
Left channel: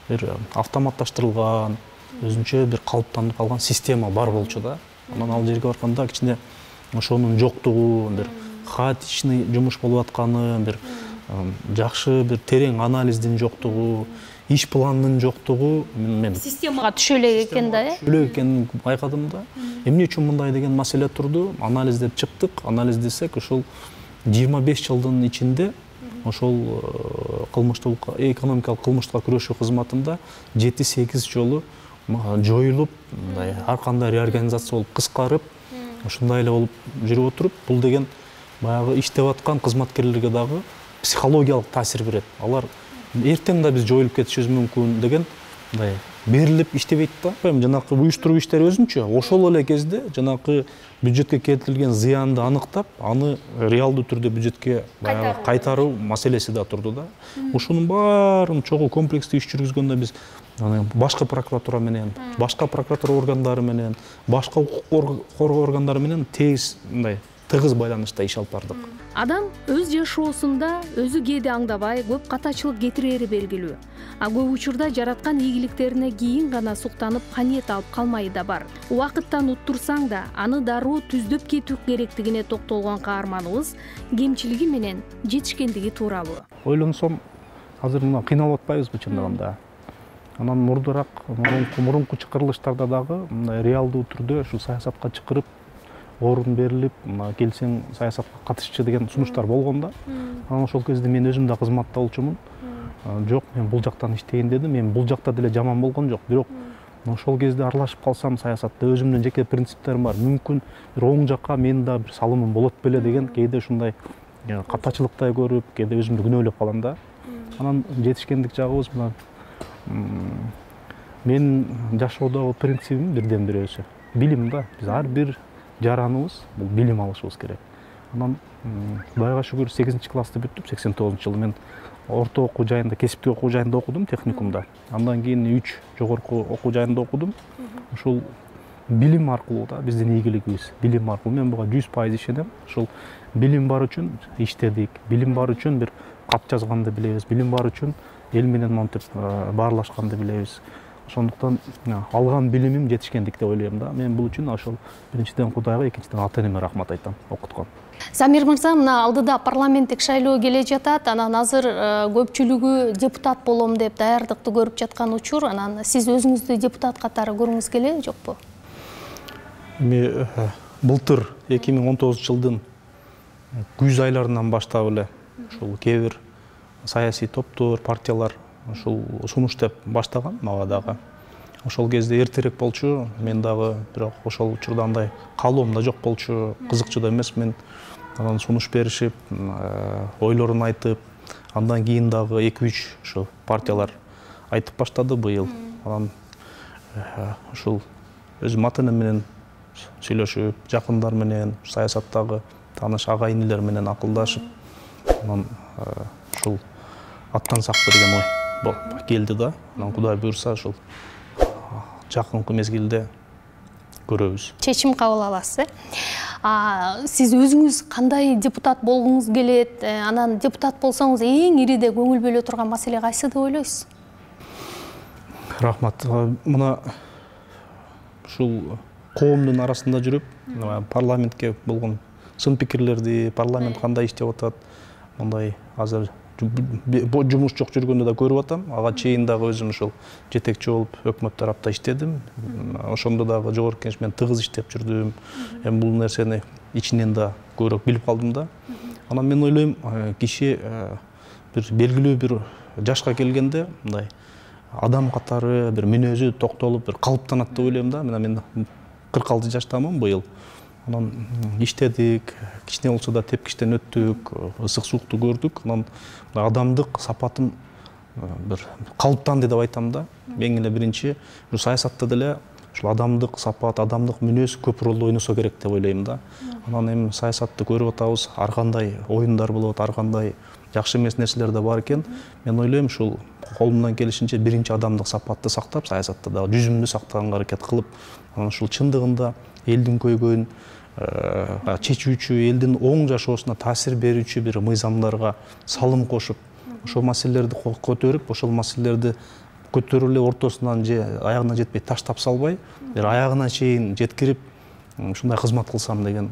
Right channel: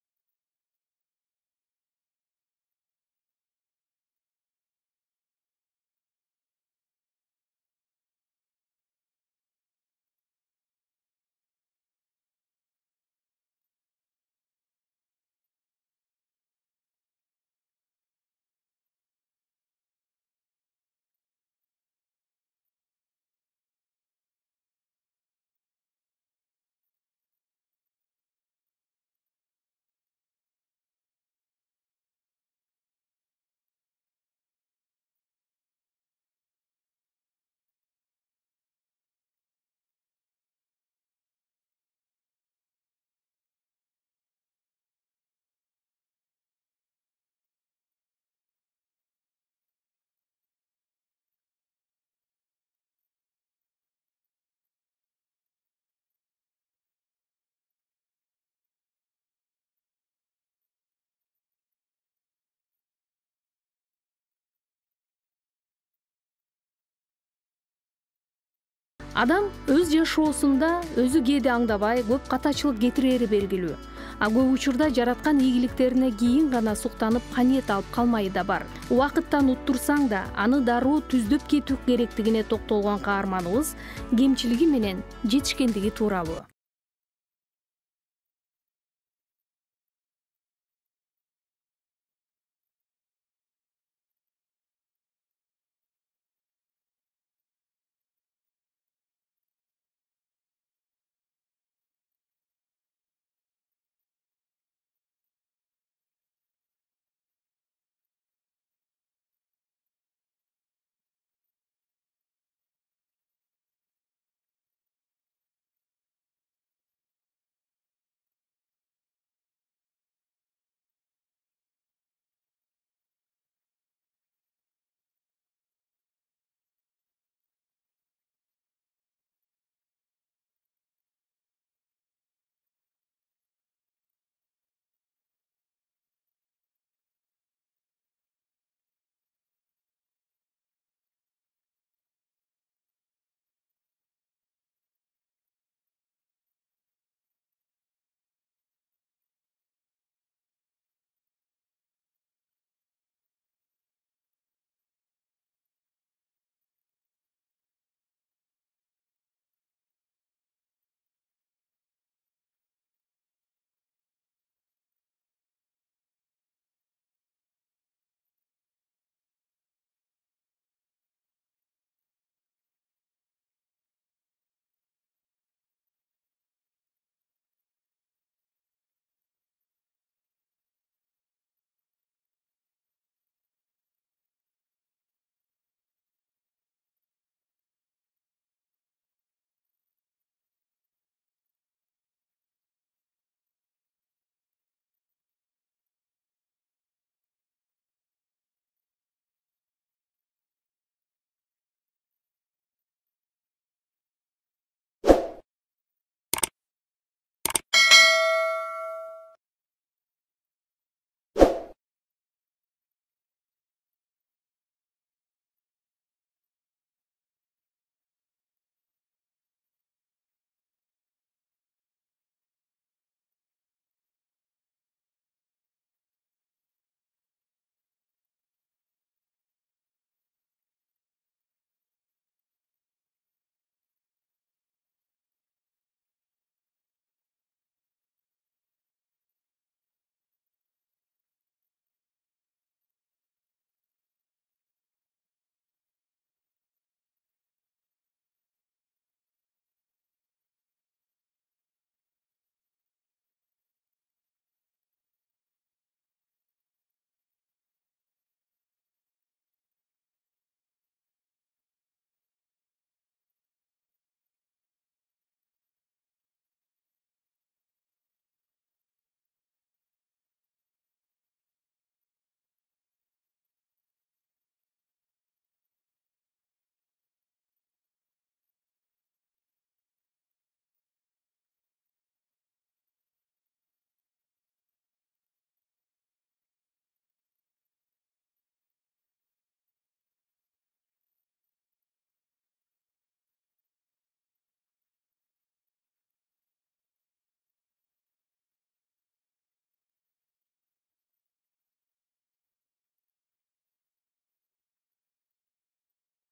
бир автоматташтырылган, өзүнчө бир калыптанып калган система бар болчу да. Анан ал жерге барганда кичине ошонун жоктугу, бир хаотичный жумуш болуп атканы, бир жакшы бир терең анализдин жоктугу, иш планынын жоктугу мен системага түшө элек экен да, элек экенин байкадым да. Эмне үчүн мындай деген маселе турду? Анализдеп чыктык. Анализдесек, ошол 25 жылдын ичинде ошол кылмыштуулукка, экономикалык кылмыштыкка күрөшүү кызматында 7-8 жолу жоюлуп, мындай ар кандай реорганизация болуп, кыскарып, ушундай эле болуп жүрүп отуруп, бул деген баягы иштеп аткан кызматкерлерге дагы психологиялык таасир берет. Алар эртең да биз жоюлуп кетишибиз мүмкүн деген мындай берилип иштебейт да. Жанакы уюштуруу иштери өзүнчө. Ошол эле кезде жанакы бюджетке келтирилген зыянды аныктап, аны реалдуу түрдө бюджетке баягы кайтаруу маселеси да турду да. Ушунун баарын чогуу комплекстүү иш жүргүзгөндө биз башкы прокуратура менен, башка прокуратура органдары менен, башка укук коргоо органдары менен тез мындай тыгыз байланышта иш алып бардык. Адам өз жашоосунда өзү кээде аңдабай көп катачылык кетирери белгилүү. А көп учурда жараткан ийгиликтерине кийин гана суктанып каниет алып калмай да бар. Убакыттан уттурсаң да, аны дароо түздөп кетүү керектигине токтолгон каарманыбыз кемчилиги менен жетишкендиги тууралуу. Ойлонсом, азыр мына кыйналып атпайбызбы чындыгында? Анан мурунку чакырылыштарда дагы мындай реалдуу түрдө ушу саясатка чакырып, орун берилип, келсең саясатка катышчы деген сунуштар болгон да. Анан ошол кезде мен өзүм да кызматта болчумун. Жок, мен бул жактан иштейин дедим. Мен бул жакта деле жаман болгон жок. Бирок ошол кезде аралашып калсам саясатта өзүмдүн жеке принциптерим бар. Мүмкүн бир оң жакка менин да бир салымым болот беле деген кээде ушундай катачылыктай көрүп, кээде өзүмдү күнөөлөп калам да. Анан жетишкендик жагыбыз мына менин жашоодогу принцибим бирден бирөөсү. Билим да. Биз ар бир жараныбыз бул билим алышыбыз керек. Анан Кудайга шүгүр 8-классты бүттүп, 89-жылы мен орто окуу жайында, кесиптик окуу жайында окудум, техникумда. Андан кийин 3 жогорку окуу жайында окудум. Ушул билим аркылуу да биздин ийгилигибиз, билим аркылуу мен буга 100% ишенем. Ушул билим бар үчүн иштедик, билим бар үчүн бир кат жазганды билебиз, билим бар үчүн эл менен монтип баарлашканды билебиз. Ошондуктан алган билимим жетишкендик деп ойлойм да. Мен бул үчүн ошол биринчиден Кудайга, экинчиден ата-энеме рахмат айтам, окуткан. Замир мырза, мына алдыда парламенттик шайлоо келе жатат. Анан азыр көпчүлүгү депутат болом деп даярдыкты көрүп жаткан учур. Анан сиз өзүңүздү депутат катары көрүңүз келеби, жокпу? Эми былтыр 2019-жылдын күз айларынан баштап эле ушул кээ бир саясий топтор, партиялар ушул сунуш деп баштаган мага дагы. Ошол кезде эртерээк болчу, мен дагы бирок ошол учурда андай каалоом да жок болчу, кызыкчу да эмес. Мен анан сунуш беришип, ойлорун айтып, андан кийин дагы 2-3 ошо партиялар айтып баштады быйыл. Анан ушул өзүм ата-энем менен сүйлөшүп, жакындар менен, саясаттагы тааныш ага-инилер менен акылдашып, анан ушул аттан сакты деген ой келди да. Анан Кудай буйрса ушул жакынкы мезгилде көрөбүз. Чечим кабыл аласыз, Сиз өзүңүз кандай депутат болгуңуз келет? Анан депутат болсоңуз эң ириде көңүл бөлө турган маселе кайсы деп ойлойсуз? Рахмат. Мына ушул коомдун арасында жүрүп, парламентке болгон сын пикирлерди, парламент кандай иштеп атат, мындай азыр жумуш жок жүргөндө да көрүп атам. Ага чейин дагы өзүм ушул жетекчи болуп өкмөт тарапта иштедим. Ошондо дагы жогорку кеңеш менен тыгыз иштеп жүрдүм. Эми бул нерсени ичинен да көбүрөөк билип калдым да. Анан мен ойлойм, киши бир белгилүү бир жашка келгенде мындай адам катары бир мүнөзү токтолуп бир калыптанат деп ойлойм да. Мен 46 жаштамын быйыл. Анан иштедик, кичине болсо да тепкичтен өттүк, ысык суукту көрдүк. Анан адамдык сапатым бир калыптанды деп айтам да. Эң эле биринчи ушу саясатта деле ушул адамдык сапат, адамдык мүнөз көп ролду ойносо керек деп ойлойм да. Анан эми саясатты көрүп атабыз, ар кандай оюндар болот, ар кандай жакшы эмес нерселер да бар экен. Мен ойлойм ушул колумдан келишинче биринчи адамдык сапатты сактап, саясатта дагы жүзүмдү сактаганга аракет кылып, анан ушул чындыгында элдин көйгөйүн чечүүчү, элдин оң жашоосуна таасир берүүчү бир мыйзамдарга салым кошуп, ошол маселелерди көтөрүп, ошол маселелерди көтөрүп эле ортосунан же аягына жетпей таштап салбай, бир аягына чейин жеткирип, ушундай кызмат кылсам деген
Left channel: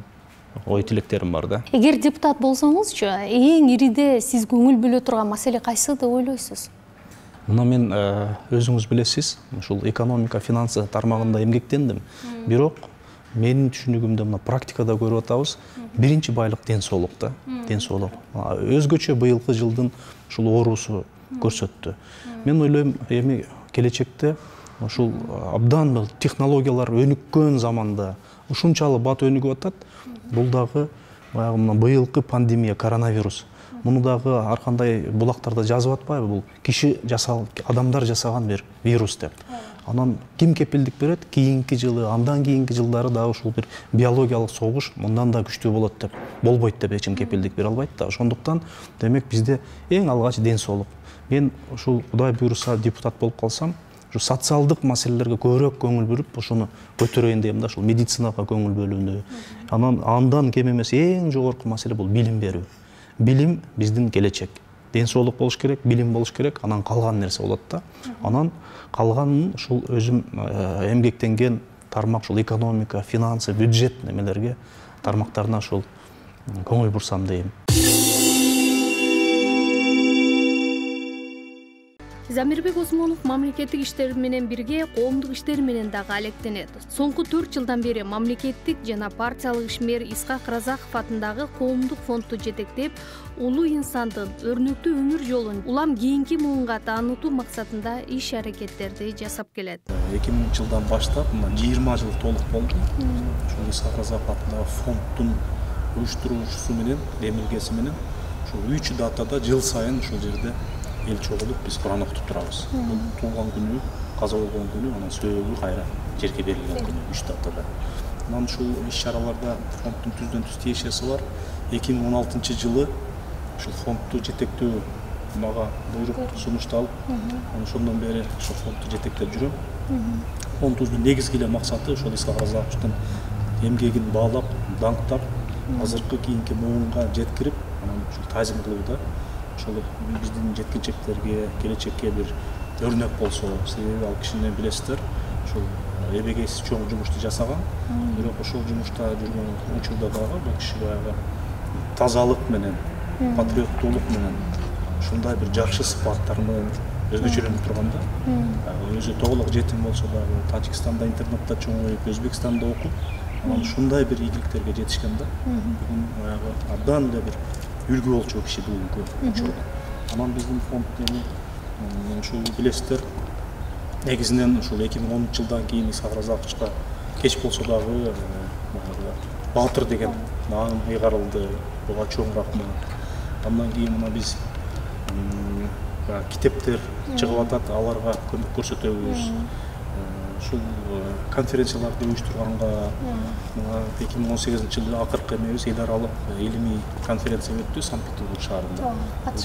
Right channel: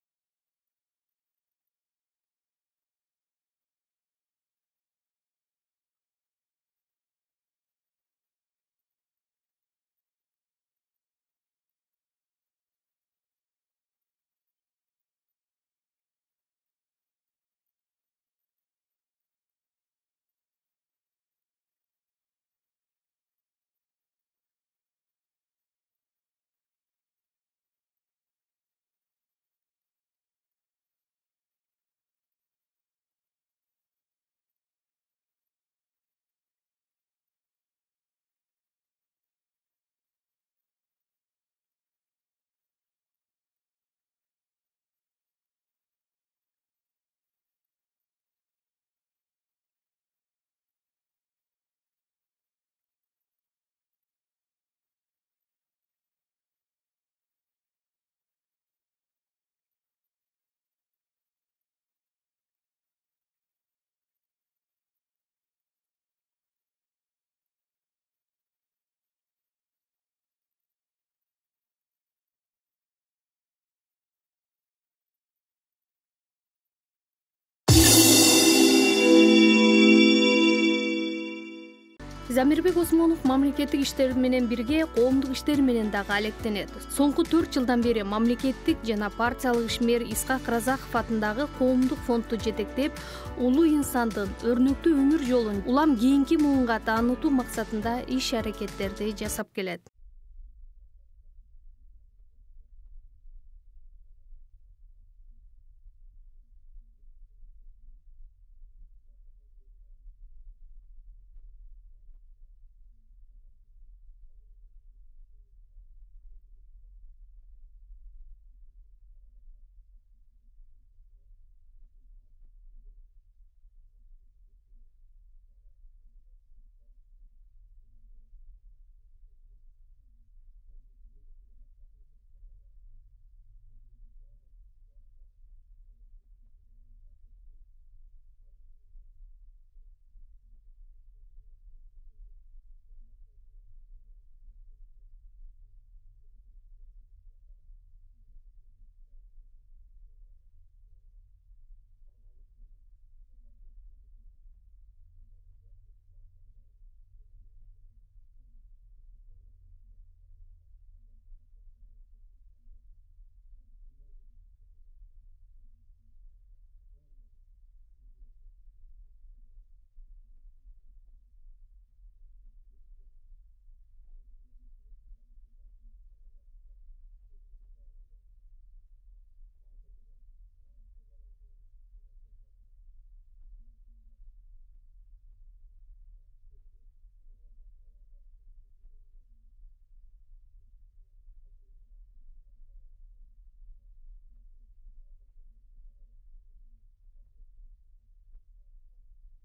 ой тилектерим бар да. Эгер депутат болсоңузчу, эң ириде сиз көңүл бөлө турган маселе кайсы деп ойлойсуз? Мына мен өзүңүз билесиз, ушул экономика, финансы тармагында эмгектендим. Бирок менин түшүнүгүмдө мына практикада көрүп атабыз, биринчи байлык ден соолук да, ден соолук. Өзгөчө быйылкы жылдын ушул оорусу көрсөттү. Мен ойлойм, эми келечекте ушул абдан технологиялар өнүккөн заманда ушунчалык бат өнүгүп атат. Бул дагы баягы мына быйылкы пандемия, коронавирус. Муну дагы ар кандай булактарда жазып атпайбы? Бул киши жасаган, адамдар жасаган бир вирус деп. Анан ким кепилдик берет? Кийинки жылы, андан кийинки жылдары дагы ушул бир биологиялык согуш мындан да күчтүү болот деп, болбойт деп эч ким кепилдик бере албайт да. Ошондуктан демек бизде эң алгач ден соолук. Мен ушул Кудай буйруса депутат болуп калсам, ушу социалдык маселелерге көбүрөөк көңүл бөлүп, ошону көтөрөйүн дейм да, ушул медицинага көңүл бөлүүнү. Андан кем эмес эң жогорку маселе бул билим берүү. Билим биздин келечек. Ден соолук болуш керек, билим болуш керек, анан калган нерсе болот да. Анан калганын ушул өзүм эмгектенген тармак, ушул экономика, финансы, бюджет немелерге, тармактарына ушул көңүл бурсам дейм. Замирбек Осмонов мамлекеттик иштер менен бирге коомдук иштер менен дагы алектенет. Соңку 4 жылдан бери мамлекеттик жана партиялык ишмер Исхак Разаков атындагы коомдук фондду жетектеп, улуу инсандын өрнөктүү өмүр жолун улам кийинки муунга таанытуу максатында иш-аракеттерди жасап келет. 2000-жылдан баштап 20 жыл толук болду. Ушул Исхак Разаков атындагы фонддун уюштуруучусу менен, демилгеси менен ушул 3 датада жыл сайын ушул жерде эл чогулуп биз Куран окутуп турабыз. Бул туулган күнү, каза болгон күнү, анан сөөгү кайра жерге берилген күнү 3 датада. Анан ушул иш-чараларда фонддун түздөн түз тиешеси бар. 2016 жылы ушул фондду жетектөө мага буйрук сунушталып, ошондон бери ушул фондду жетектеп жүрөм. Фонддун негизги эле максаты ушул Исхак Разаковдун эмгегин баалап, даңктап, азыркы кийинки муунга жеткирип, анан ушул тазим кылууда ошол биздин жеткинчектерге, келечекке бир өрнөк болсо, себеби ал кишини билесиздер, ушул эбегейсиз чоң жумушту жасаган. Бирок ошол жумушта жүргөн учурда дагы бул киши баягы тазалык менен, патриоттуулук менен, ушундай бир жакшы сыпаттар менен өзгөчөлөнүп турганда, өзү тоголок жетим болсо дагы Тажикстанда интернатта чоңоюп, Өзбекстанда окуп, анан ушундай бир ийгиликтерге жетишкен да. Бүгүн баягы абдан эле бир үлгү болчу киши бүгүнкү учурда. Анан биздин фонд эми ушул билесиздер, негизинен ушул 2010 жылдан кийин Исхак Разаковичка кеч болсо дагы баатыр деген наам ыйгарылды. Буга чоң рахмат. Андан кийин мына биз китептер чыгып атат, аларга көмөк көрсөтөбүз. Ушул конференцияларды уюштурганга 2018 жылы акыркы эмебиз ыйдаралык илимий конференция өттү Санкт-Петербург шаарында.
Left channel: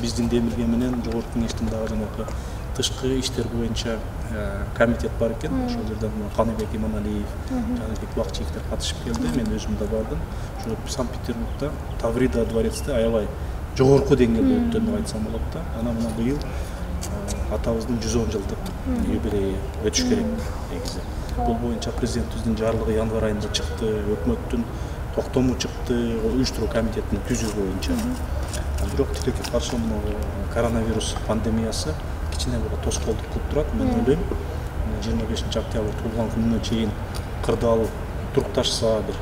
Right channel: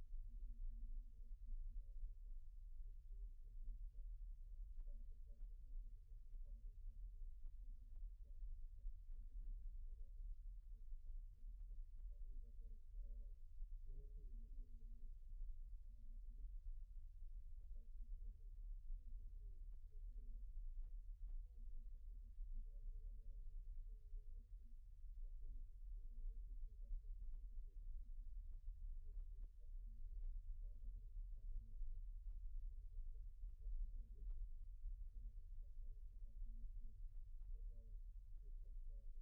Биздин демилге менен жогорку кеңештин дагы жанагы тышкы иштер боюнча комитет бар экен. Ошол жерден Каныбек Иманалиев, Жаныбек Бакчиевдер катышып келди. Мен өзүм да бардым. Ошо Санкт-Петербургда Таврида дворецте аябай жогорку деңгээлде өттү деп айтсам болот да. Анан мына быйыл атабыздын 110 жылдык юбилейи өтүш керек негизи. Бул боюнча президентибиздин жарлыгы январь айында чыкты, өкмөттүн токтому чыкты, уюштуруу комитетин түзүү боюнча. Бирок тилекке каршы коронавирус пандемиясы кичине бир тоскоолдук кылып турат. Мен ойлойм, 25 октябрь туулган күнүнө чейин кырдаал турукташса, бир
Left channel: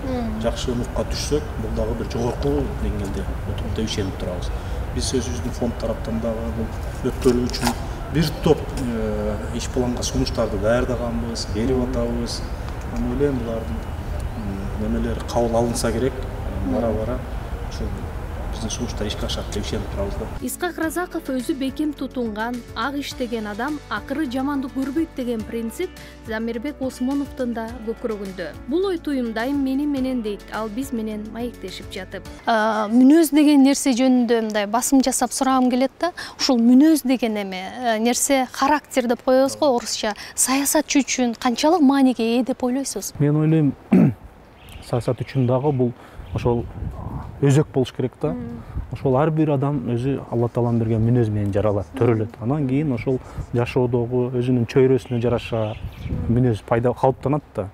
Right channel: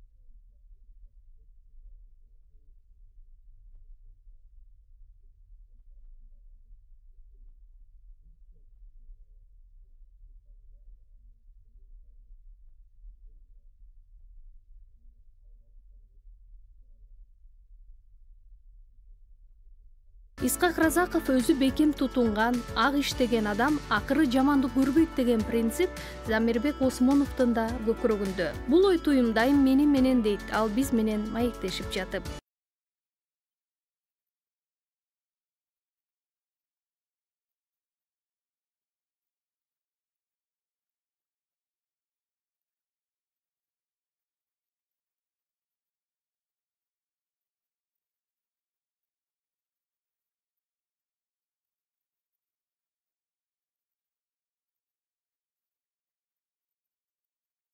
жакшы нукка түшсөк, бул дагы бир жогорку деңгээлде отуруп деп ишенип турабыз. Биз өзүбүздүн фонд тараптан дагы бул өткөрүү үчүн бир топ иш планга сунуштарды даярдаганбыз, берип атабыз. Мен ойлойм, булардын немелери кабыл алынса керек. Бара-бара ушул биздин сунуштар ишке ашат деп ишенип турабыз да. Исхак Разаков өзү бекем тутунган, ак иштеген адам акыры жамандык көрбөйт деген принцип Замирбек Осмоновдун да көкүрөгүндө. Бул ой туюм дайым менен дейт, ал биз менен маектешип жатып. Мүнөз деген нерсе жөнүндө мындай басым жасап сурагым келет да. Ушул мүнөз деген эме нерсе характер деп коебуз го орусча. Саясатчы үчүн канчалык мааниге ээ деп ойлойсуз? Мен ойлойм, саясат үчүн дагы бул ошол өзөк болуш керек да. Ошол ар бир адам өзү Алла Тааланын берген мүнөз менен жаралат, төрөлөт. Анан кийин ошол жашоодогу өзүнүн чөйрөсүнө жараша мүнөз пайда калыптанат да.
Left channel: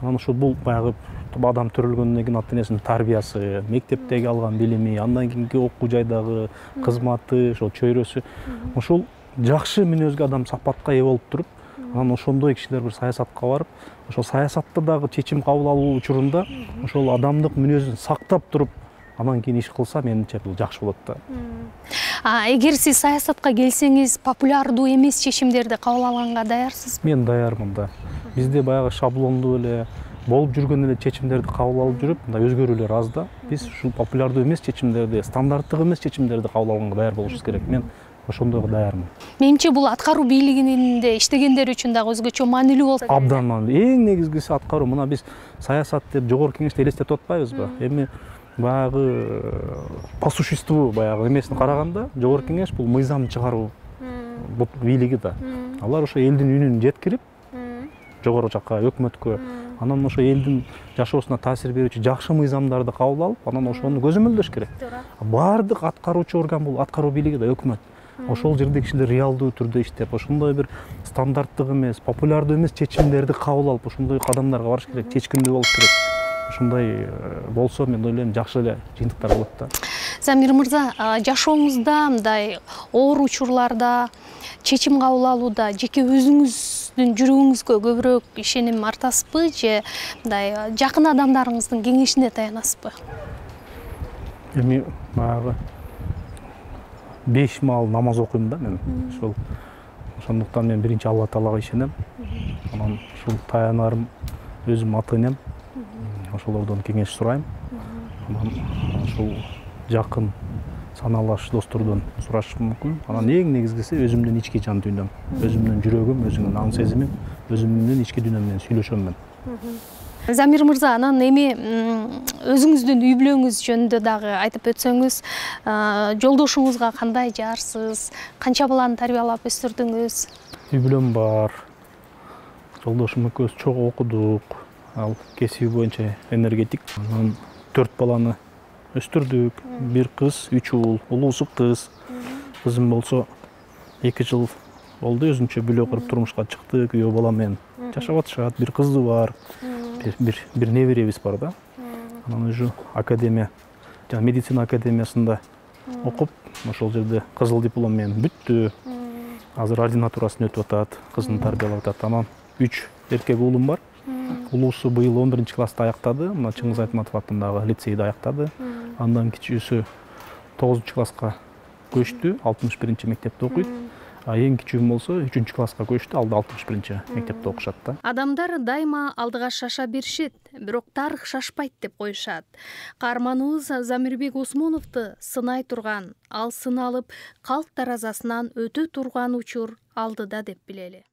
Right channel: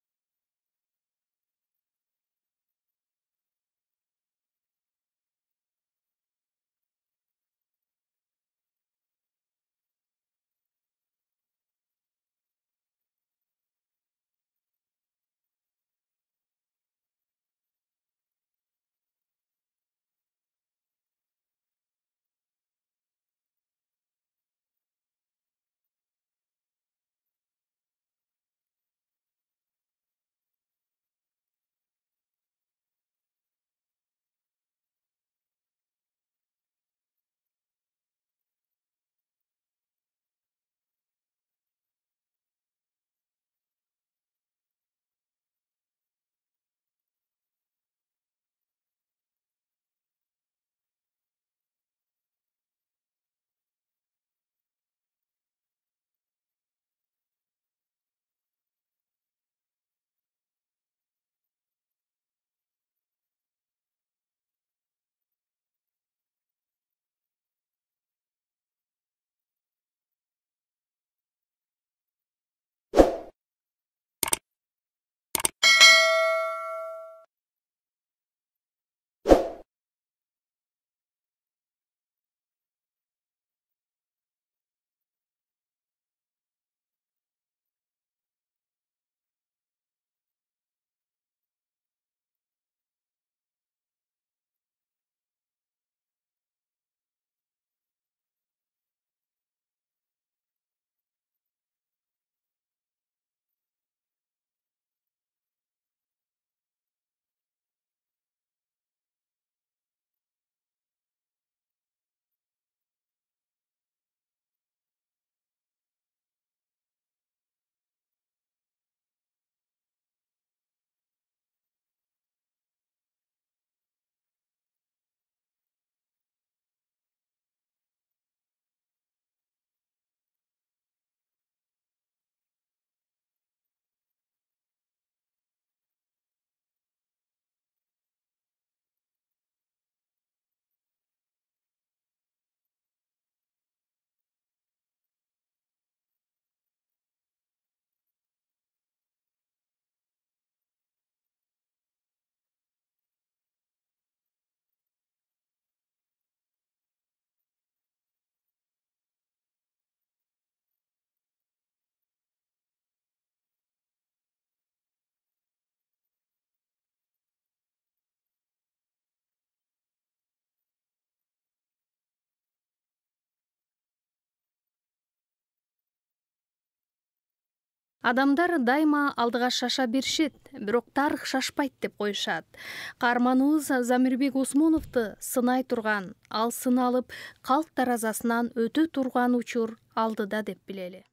Анан ошол бул баягы адам төрөлгөндөн кийин ата энесинин тарбиясы, мектептеги алган билими, андан кийинки окуу жайдагы кызматы, ошол чөйрөсү, ошол жакшы мүнөзгө адам сапатка ээ болуп туруп, анан ошондой кишилер бир саясатка барып, ошол саясатта дагы чечим кабыл алуу учурунда ошол адамдык мүнөзүн сактап туруп, анан кийин иш кылса, менимче бул жакшы болот да. Эгер сиз саясатка келсеңиз, популярдуу эмес чечимдерди кабыл алганга даярсызбы? Мен даярмын да. Бизде баягы шаблондуу эле болуп жүргөн эле чечимдерди кабыл алып жүрүп, мындай өзгөрүүлөр аз да. Биз ушул популярдуу эмес чечимдерди, стандарттык эмес чечимдерди кабыл алганга даяр болушубуз керек. Мен ошондойго даярмын. Менимче бул аткаруу бийлигинде иштегендер үчүн дагы өзгөчө маанилүү болот. Абдан маанилүү. Эң негизгиси аткаруу. Мына биз саясат деп жогорку кеңеште элестетип атпайбызбы? Эми баягы по существу баягы эмесине караганда жогорку кеңеш бул мыйзам чыгаруу бийлиги да. Алар ошо элдин үнүн жеткирип жогору жакка өкмөткө, анан ошо элдин жашоосуна таасир берүүчү жакшы мыйзамдарды кабыл алып, анан ошону көзөмөлдөш керек. Бардык аткаруучу орган бул аткаруу бийлиги да, өкмөт. Ошол жерде кишилер реалдуу түрдө иштеп, ошондой бир стандарттык эмес, популярдуу эмес чечимдерди кабыл алып, ошондой кадамдарга барыш керек, чечкиндүү болуш керек. Ошондой болсо, мен ойлойм, жакшы эле жыйынтыктар болот да. Замир мырза, жашооңузда мындай оор учурларда, чечим кабыл алууда жеке өзүңүздүн жүрөгүңүзгө көбүрөөк ишеним артасызбы же мындай жакын адамдарыңыздын кеңешине таянасызбы? Эми баягы 5 маал намаз окуйм да мен. Ошондуктан мен биринчи Алла Таалага ишенем. Анан ушул таянарым өзүм ата энем. Ошолордон кеңеш сурайм. Анан ушул жакын саналаш достордон сурашым мүмкүн. Анан эң негизгиси өзүмдүн ички жан дүйнөм, өзүмдүн жүрөгүм, өзүмдүн аң сезимим, өзүмдүн ички дүйнөм менен сүйлөшөм мен. Замир мырза, анан эми өзүңүздүн үй бүлөңүз жөнүндө дагы айтып өтсөңүз, жолдошуңузга кандай жаарсыз, канча баланы тарбиялап өстүрдүңүз? Үй бүлөм бар. Жолдошум экөөбүз чогуу окудук. Ал кесиби боюнча энергетик. Анан 4 баланы өстүрдүк. 1 кыз, 3 уул. Улуусу кыз. Кызым болсо 2 жыл болду, өзүнчө бүлө куруп турмушка чыкты, күйөө балам менен жашап атышат. 1 кызы бар. Бир неберебиз бар да. Анан уже академия, жана медицина академиясында окуп, ошол жерде кызыл диплом менен бүттү. Азыр ординатурасын өтүп атат, кызын тарбиялап атат. Анан 3 эркек уулум бар. Улуусу быйыл 11 класста аяктады, мына Чыңгыз Айтматов атындагы лицейди аяктады. Андан кичүүсү 9 класска көчтү, 61 мектепте окуйт. Эң кичүүм болсо 3 класска көчтү, ал да 61 мектепте окушат да. Адамдар дайыма алдыга шаша беришет, бирок тарых шашпайт деп коюшат. Каарманыбыз Замирбек Осмоновду сынай турган, ал сыналып калк таразасынан өтө турган учур алдыда деп билели.